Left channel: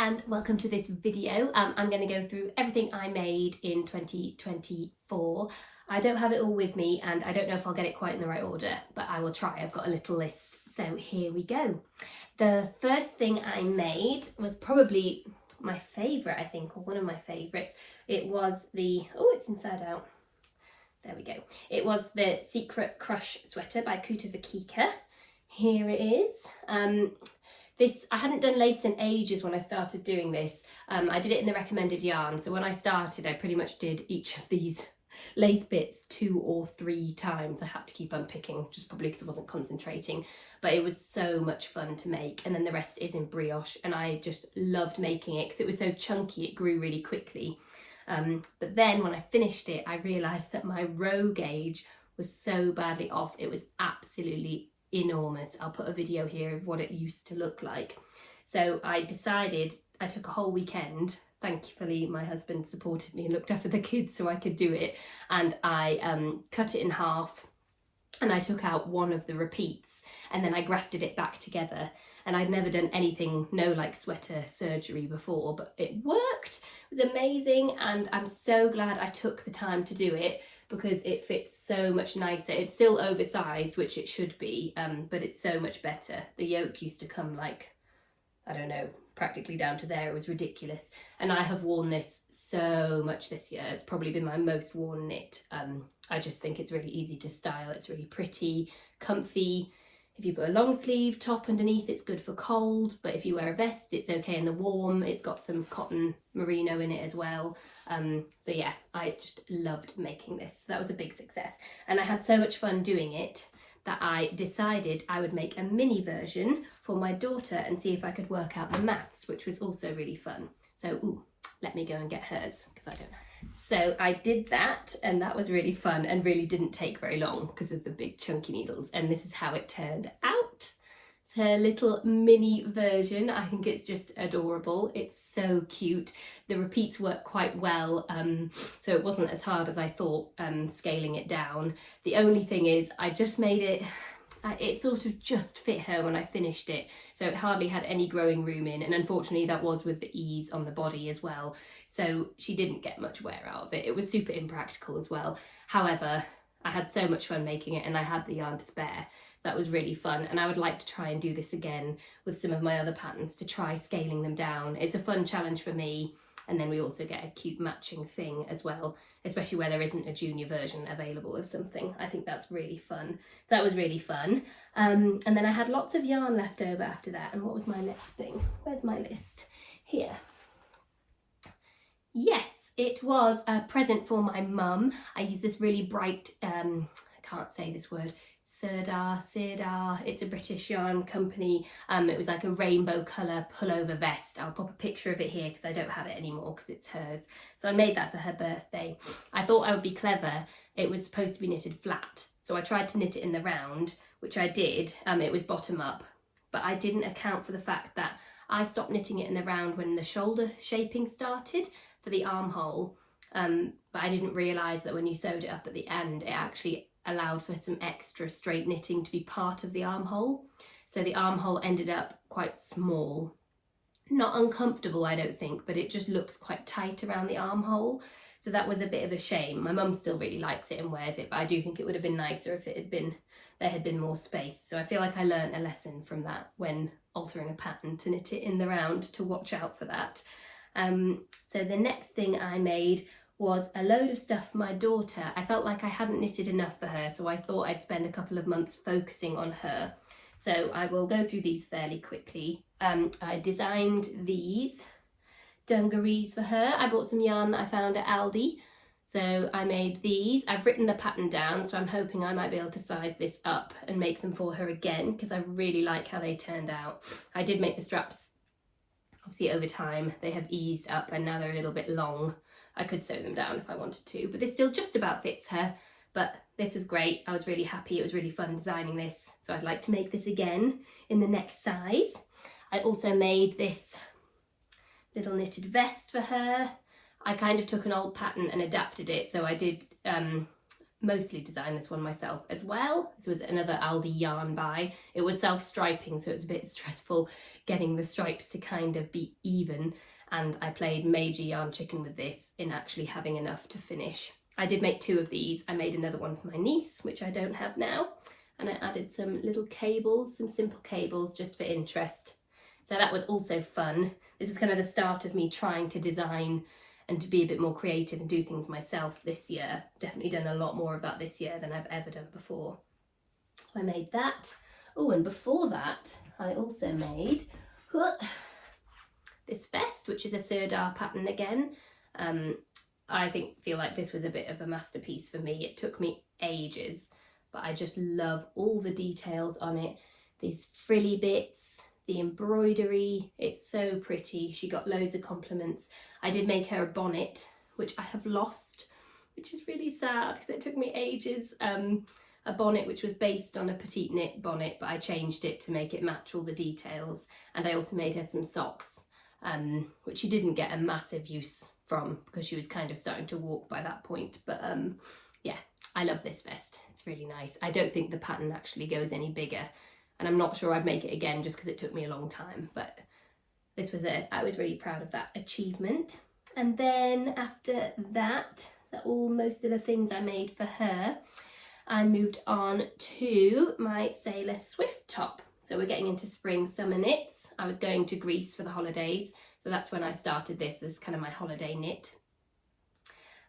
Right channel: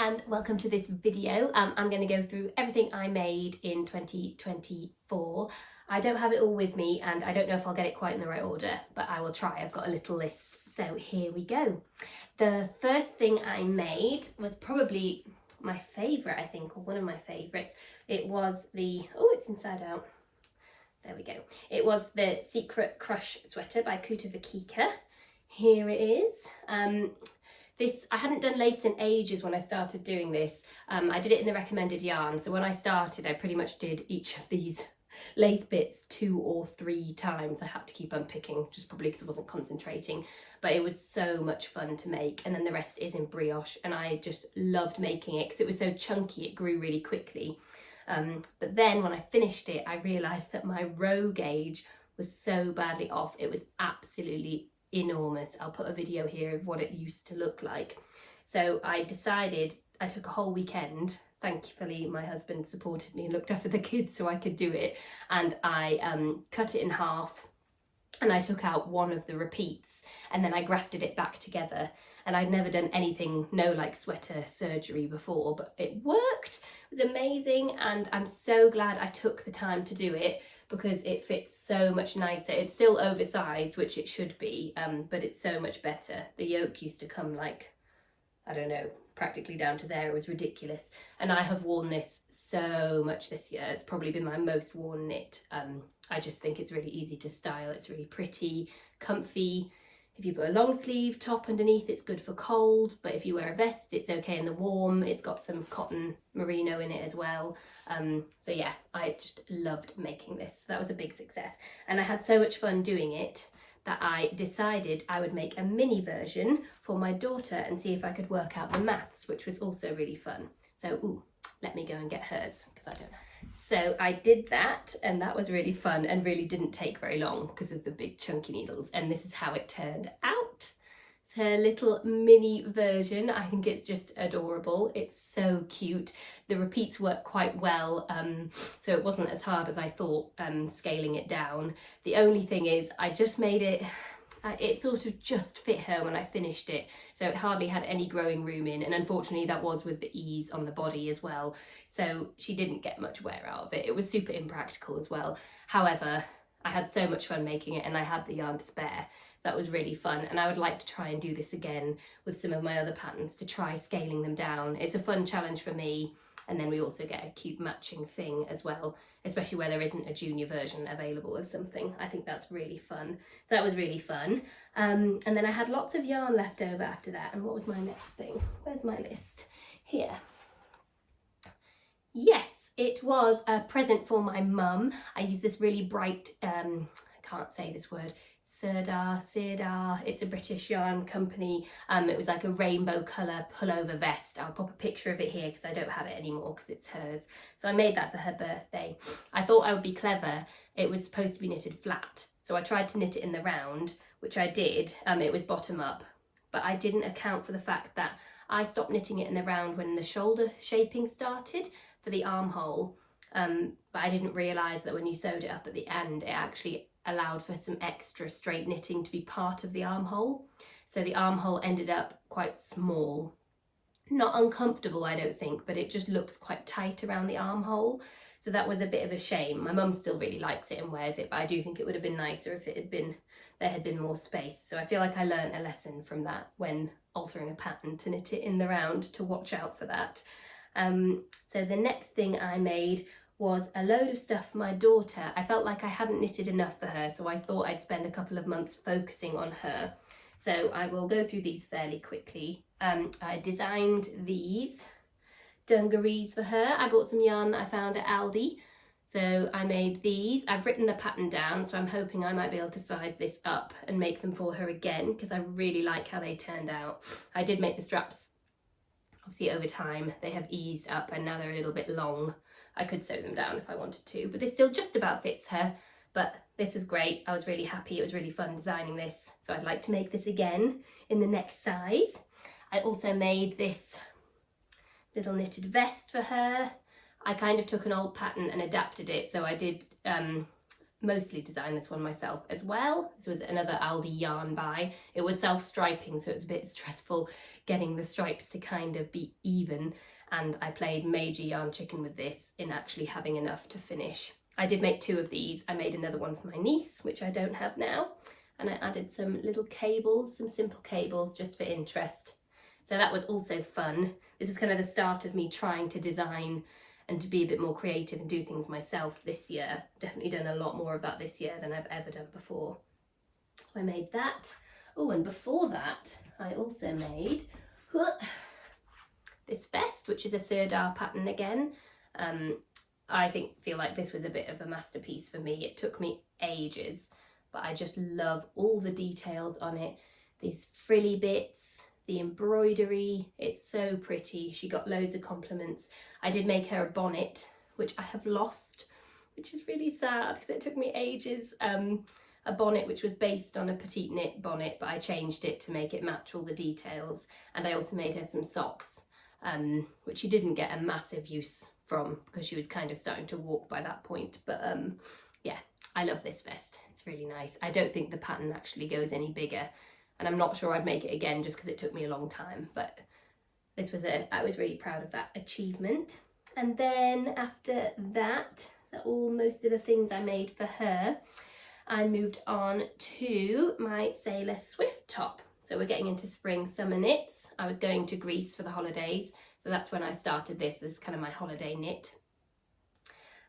and welcome to this video. I'm going to go through everything I made in 2024. I don't have it all with me and I don't know if I'll get it quite in the right order, but I will try. I've got a little list. So here we go. The first thing I made was probably my favourite, I think, or one of my favourites. It was the, oh, it's inside out. There we go. It was the Secret Crush sweater by Kutovakika. Here it is. I hadn't done lace in ages when I started doing this. I did it in the recommended yarn. So when I started, I pretty much did each of these lace bits 2 or 3 times. I had to keep unpicking, just probably because I wasn't concentrating. But it was so much fun to make. And then the rest is in brioche. And I just loved making it because it was so chunky. It grew really quickly. But then when I finished it, I realised that my row gauge was so badly off. It was absolutely enormous. I'll put a video here of what it used to look like. So I decided, I took a whole weekend. Thankfully my husband supported me and looked after the kids so I could do it, and I cut it in half and I took out one of the repeats and then I grafted it back together. And I'd never done anything, no like sweater surgery before, but it worked. It was amazing, and I'm so glad I took the time to do it because it fits so much nicer. It's still oversized, which it should be, but it's so much better. The yoke used to come like, I don't know, practically down to there. It was ridiculous. And I have worn this so much this year. It's probably been my most worn knit. I just think it's really easy to style. It's really pretty, comfy. If you put a long sleeve top underneath, it's good for cold, but if you wear a vest, it's okay in the warm. It's got some cotton merino in it as well. So yeah, I just loved making this. That was a big success. And I had so much fun doing it that I decided I would make a mini version for my daughter and see if I could work out the maths, which was also really fun. So, let me go and get hers because I don't know. So I did that, and that was really fun and really didn't take very long because of the big chunky needles. And this is how it turned out. It's her little mini version. I think it's just adorable. It's so cute. The repeats work quite well, so it wasn't as hard as I thought scaling it down. The only thing is I just made it, it sort of just fit her when I finished it, so it hardly had any growing room in, and unfortunately that was with the ease on the body as well, so she didn't get much wear out of it. It was super impractical as well. However, I had so much fun making it and I had the yarn to spare. That was really fun, and I would like to try and do this again with some of my other patterns to try scaling them down. It's a fun challenge for me, and then we also get a cute matching thing as well, especially where there isn't a junior version available of something. I think that's really fun. That was really fun. And then I had lots of yarn left over after that. And what was my next thing? Where's my list? Here. Yes, it was a present for my mum. I used this really bright, I can't say this word, Sirdar. It's a British yarn company. It was like a rainbow colour pullover vest. I'll pop a picture of it here because I don't have it anymore because it's hers. So I made that for her birthday. I thought I would be clever. It was supposed to be knitted flat. So I tried to knit it in the round, which I did. It was bottom up, but I didn't account for the fact that I stopped knitting it in the round when the shoulder shaping started for the armhole. But I didn't realise that when you sewed it up at the end, it actually allowed for some extra straight knitting to be part of the armhole. So the armhole ended up quite small. Not uncomfortable, I don't think, but it just looks quite tight around the armhole. So that was a bit of a shame. My mum still really likes it and wears it, but I do think it would have been nicer if there had been more space. So I feel like I learned a lesson from that when altering a pattern to knit it in the round, to watch out for that. So the next thing I made was a load of stuff for my daughter. I felt like I hadn't knitted enough for her, so I thought I'd spend a couple of months focusing on her. So I will go through these fairly quickly. I designed these dungarees for her. I bought some yarn that I found at Aldi. So I made these. I've written the pattern down, so I'm hoping I might be able to size this up and make them for her again because I really like how they turned out. I did make the straps, obviously over time, they have eased up and now they're a little bit long. I could sew them down if I wanted to, but this still just about fits her. But this was great. I was really happy. It was really fun designing this. So I'd like to make this again in the next size. I also made this little knitted vest for her. I kind of took an old pattern and adapted it. So I did mostly designed this one myself as well. This was another Aldi yarn buy. It was self-striping, so it was a bit stressful getting the stripes to kind of be even, and I played major yarn chicken with this in actually having enough to finish. I did make 2 of these. I made another one for my niece, which I don't have now, and I added some little cables, some simple cables just for interest. So that was also fun. This was kind of the start of me trying to design and to be a bit more creative and do things myself this year. Definitely done a lot more of that this year than I've ever done before. I made that. Oh, and before that, I also made this vest, which is a Sirdar pattern again. I feel like this was a bit of a masterpiece for me. It took me ages, but I just love all the details on it. These frilly bits, the embroidery, it's so pretty. She got loads of compliments. I did make her a bonnet, which I have lost, which is really sad because it took me ages. A bonnet which was based on a Petite knit bonnet, but I changed it to make it match all the details. And I also made her some socks, which she didn't get a massive use from because she was kind of starting to walk by that point. But yeah, I love this vest. It's really nice. I don't think the pattern actually goes any bigger, and I'm not sure I'd make it again just because it took me a long time. But this was I was really proud of that achievement. And then after that, most of the things I made for her, I moved on to my Sailor Swift top. So we're getting into spring summer knits. I was going to Greece for the holidays, so that's when I started this. This is kind of my holiday knit.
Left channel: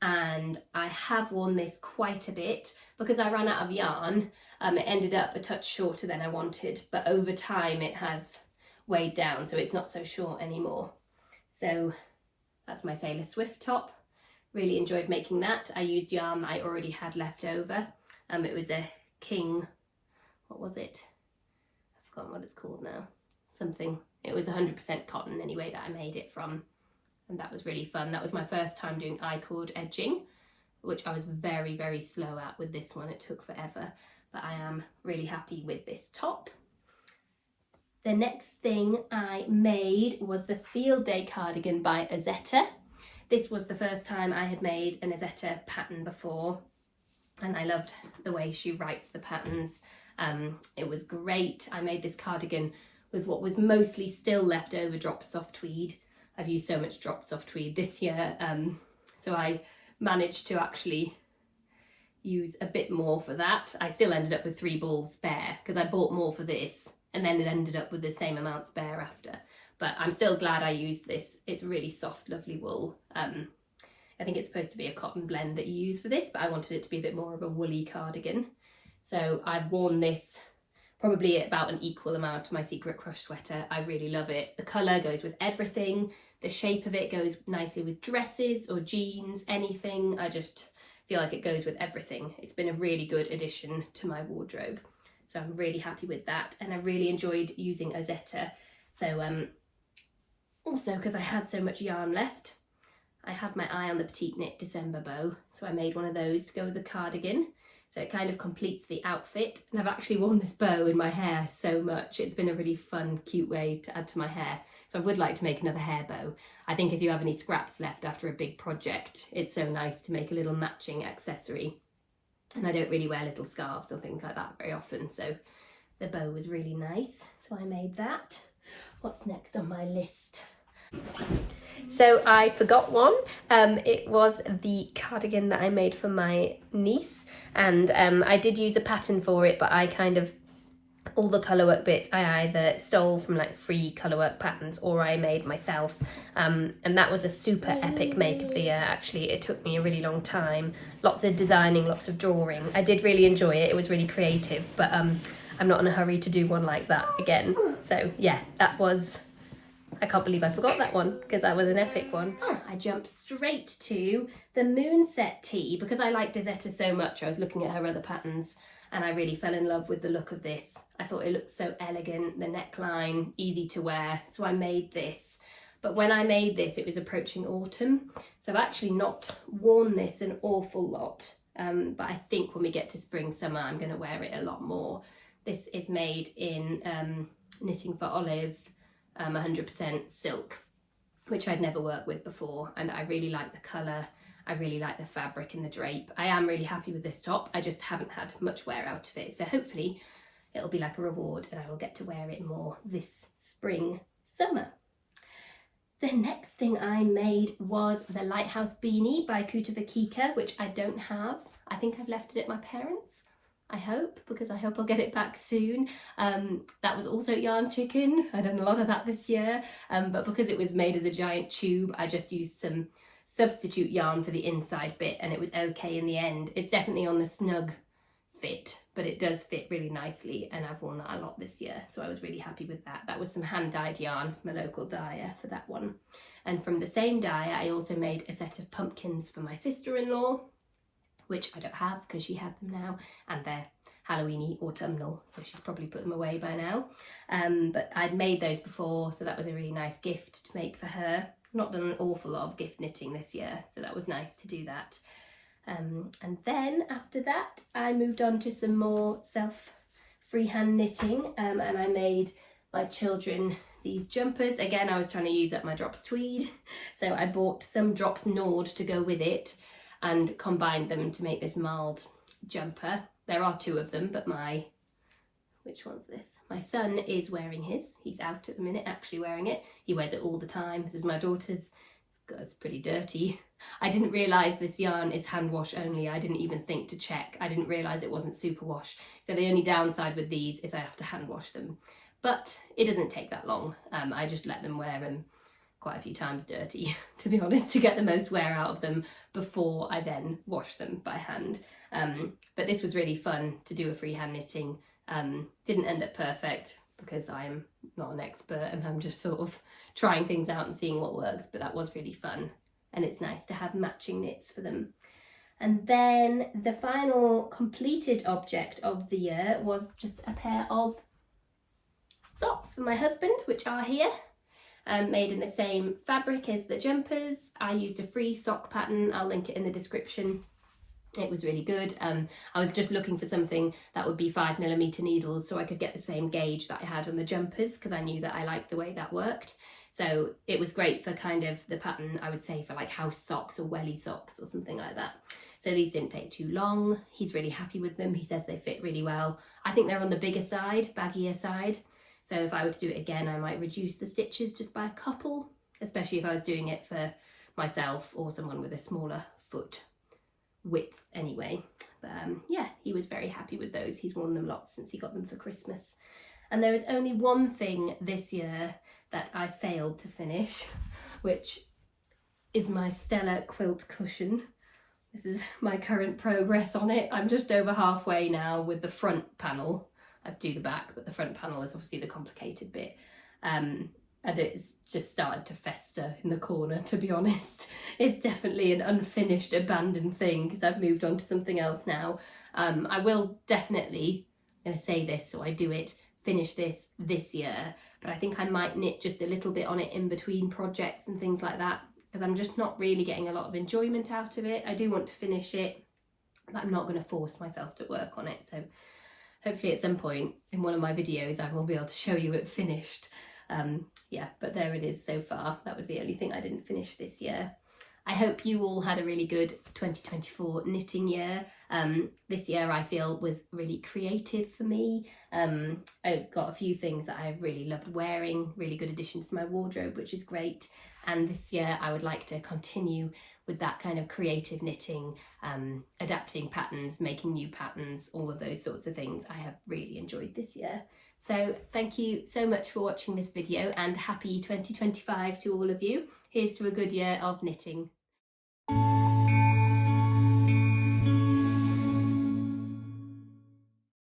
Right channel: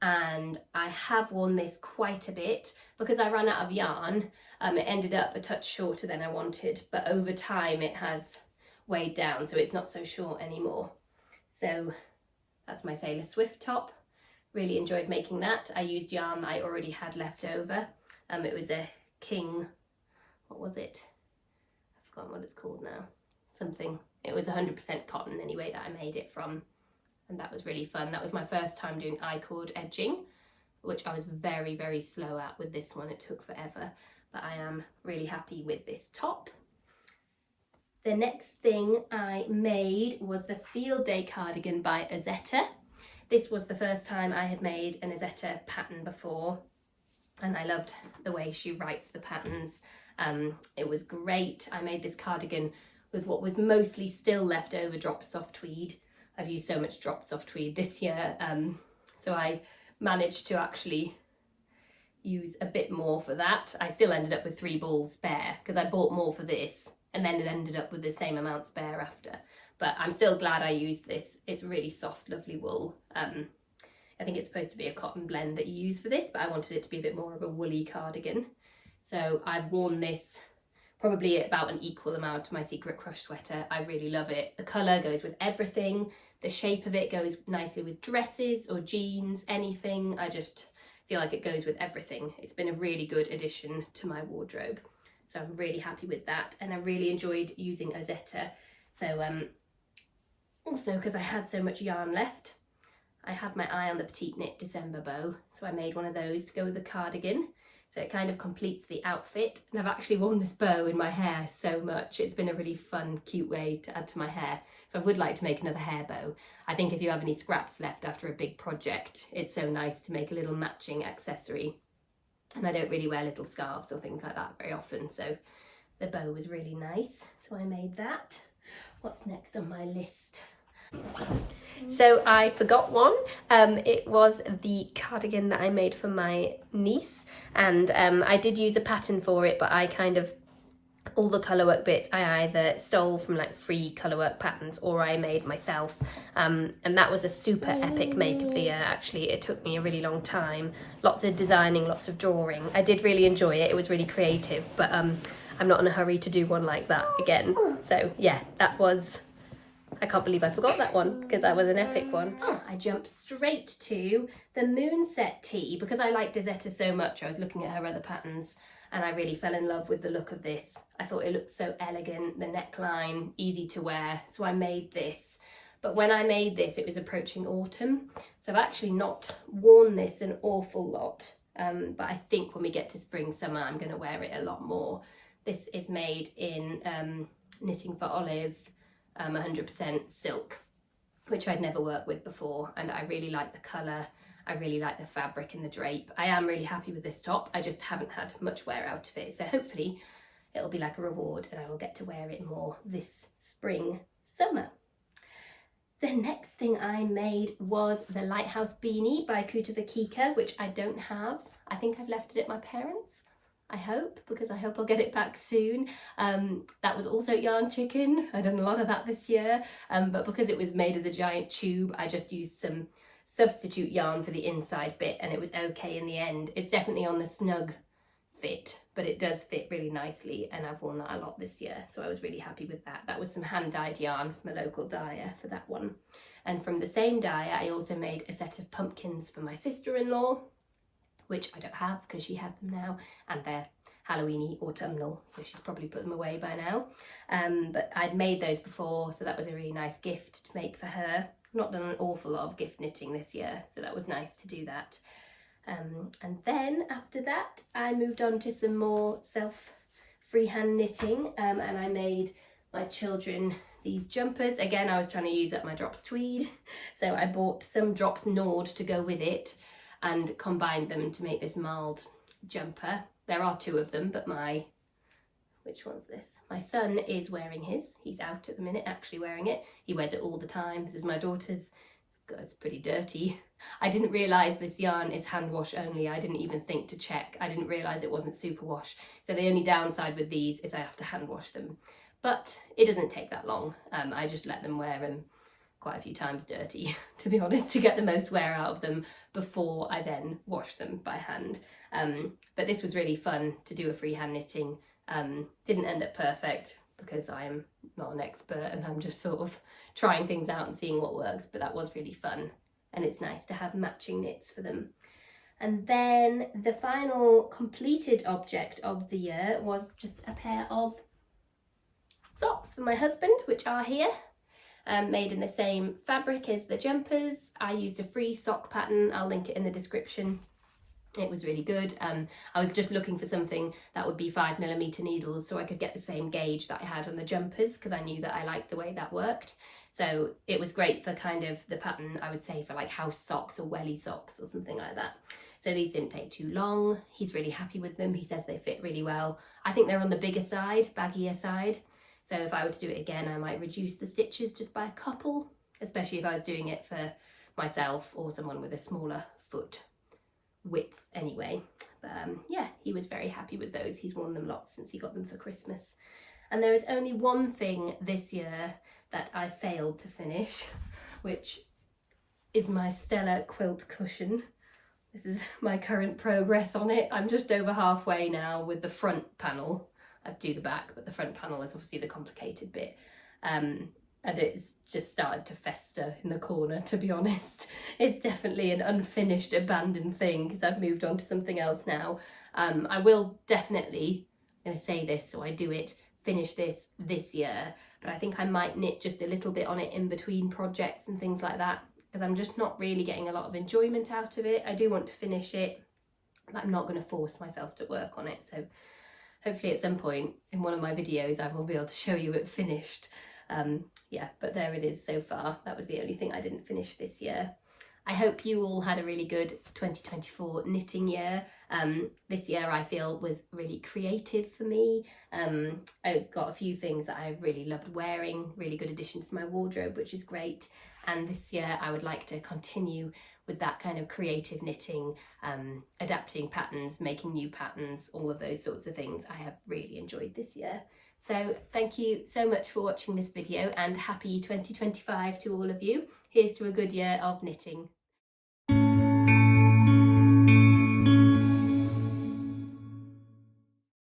And I have worn this quite a bit because I ran out of yarn. It ended up a touch shorter than I wanted, but over time it has weighed down, so it's not so short anymore. So that's my Sailor Swift top. Really enjoyed making that. I used yarn that I already had left over. It was a King, what was it? I've forgotten what it's called now. Something. It was 100% cotton anyway that I made it from. And that was really fun. That was my first time doing I-cord edging, which I was very, very slow at with this one. It took forever, but I am really happy with this top. The next thing I made was the Field Day cardigan by Ozetta. This was the first time I had made an Ozetta pattern before, and I loved the way she writes the patterns. It was great. I made this cardigan with what was mostly still left over drop soft tweed. I've used so much drop soft tweed this year, so I managed to actually use a bit more for that. I still ended up with 3 balls spare because I bought more for this, and then it ended up with the same amount spare after. But I'm still glad I used this. It's really soft, lovely wool. I think it's supposed to be a cotton blend that you use for this, but I wanted it to be a bit more of a woolly cardigan. So I've worn this probably about an equal amount to my Secret Crush sweater. I really love it. The colour goes with everything. The shape of it goes nicely with dresses or jeans, anything. I just feel like it goes with everything. It's been a really good addition to my wardrobe. So I'm really happy with that. And I really enjoyed using Ozetta. So also because I had so much yarn left, I had my eye on the Petite knit December bow. So I made one of those to go with the cardigan. So it kind of completes the outfit. And I've actually worn this bow in my hair so much. It's been a really fun, cute way to add to my hair. So I would like to make another hair bow. I think if you have any scraps left after a big project, it's so nice to make a little matching accessory. And I don't really wear little scarves or things like that very often. So the bow was really nice. So I made that. What's next on my list? So I forgot one. It was the cardigan that I made for my niece, and I did use a pattern for it, but I kind of, all the colourwork bits I either stole from like free colourwork patterns or I made myself, and that was a super epic make of the year. Actually, it took me a really long time, lots of designing, lots of drawing. I did really enjoy it. It was really creative, but I'm not in a hurry to do one like that again. So yeah, that was, I can't believe I forgot that one because that was an epic one. Oh, I jumped straight to the Moonset tee because I liked Ozetta so much. I was looking at her other patterns and I really fell in love with the look of this. I thought it looked so elegant, the neckline, easy to wear. So I made this. But when I made this, it was approaching autumn. So I've actually not worn this an awful lot. But I think when we get to spring, summer, I'm going to wear it a lot more. This is made in Knitting for Olive, 100% silk, which I'd never worked with before, and I really like the colour. I really like the fabric and the drape. I am really happy with this top. I just haven't had much wear out of it. So hopefully it'll be like a reward and I will get to wear it more this spring, summer. The next thing I made was the Lighthouse Beanie by Kutovakika, which I don't have. I think I've left it at my parents'. I hope, because I hope I'll get it back soon. That was also yarn chicken. I've done a lot of that this year, but because it was made as a giant tube, I just used some substitute yarn for the inside bit and it was okay in the end. It's definitely on the snug fit, but it does fit really nicely and I've worn that a lot this year, so I was really happy with that. That was some hand-dyed yarn from a local dyer for that one. And from the same dyer, I also made a set of pumpkins for my sister-in-law, which I don't have because she has them now, and they're Halloweeny autumnal, so she's probably put them away by now. But I'd made those before, so that was a really nice gift to make for her. Not done an awful lot of gift knitting this year, so that was nice to do that. And then after that, I moved on to some more freehand knitting, and I made my children these jumpers. Again, I was trying to use up my Drops tweed, so I bought some Drops Nord to go with it and combined them to make this Marled jumper. There are two of them, but which one's this? My son is wearing his. He's out at the minute actually wearing it. He wears it all the time. This is my daughter's. It's pretty dirty. I didn't realise this yarn is hand wash only. I didn't even think to check. I didn't realise it wasn't super wash. So the only downside with these is I have to hand wash them. But it doesn't take that long. I just let them wear them quite a few times dirty, to be honest, to get the most wear out of them before I then wash them by hand. But this was really fun to do a freehand knitting. Didn't end up perfect because I am not an expert and I'm just sort of trying things out and seeing what works, but that was really fun and it's nice to have matching knits for them. And then the final completed object of the year was just a pair of socks for my husband, which are here. Made in the same fabric as the jumpers. I used a free sock pattern. I'll link it in the description. It was really good. I was just looking for something that would be 5mm needles so I could get the same gauge that I had on the jumpers because I knew that I liked the way that worked. So it was great for kind of the pattern, I would say, for like house socks or welly socks or something like that. So these didn't take too long. He's really happy with them. He says they fit really well. I think they're on the bigger side, baggier side. So if I were to do it again, I might reduce the stitches just by a couple, especially if I was doing it for myself or someone with a smaller foot width anyway. But yeah, he was very happy with those. He's worn them lots since he got them for Christmas. And there is only one thing this year that I failed to finish, which is my Stella quilt cushion. This is my current progress on it. I'm just over halfway now with the front panel. I'd do the back, but the front panel is obviously the complicated bit. And it's just started to fester in the corner, to be honest. It's definitely an unfinished, abandoned thing because I've moved on to something else now. I will definitely, I'm going to say this so I do it, finish this year, but I think I might knit just a little bit on it in between projects and things like that because I'm just not really getting a lot of enjoyment out of it. I do want to finish it, but I'm not going to force myself to work on it. So hopefully at some point in one of my videos I will be able to show you it finished. Yeah, but there it is so far. That was the only thing I didn't finish this year. I hope you all had a really good 2024 knitting year. This year I feel was really creative for me. I got a few things that I really loved wearing, really good additions to my wardrobe, which is great. And this year I would like to continue with that kind of creative knitting, adapting patterns, making new patterns, all of those sorts of things I have really enjoyed this year. So thank you so much for watching this video and happy 2025 to all of you. Here's to a good year of knitting.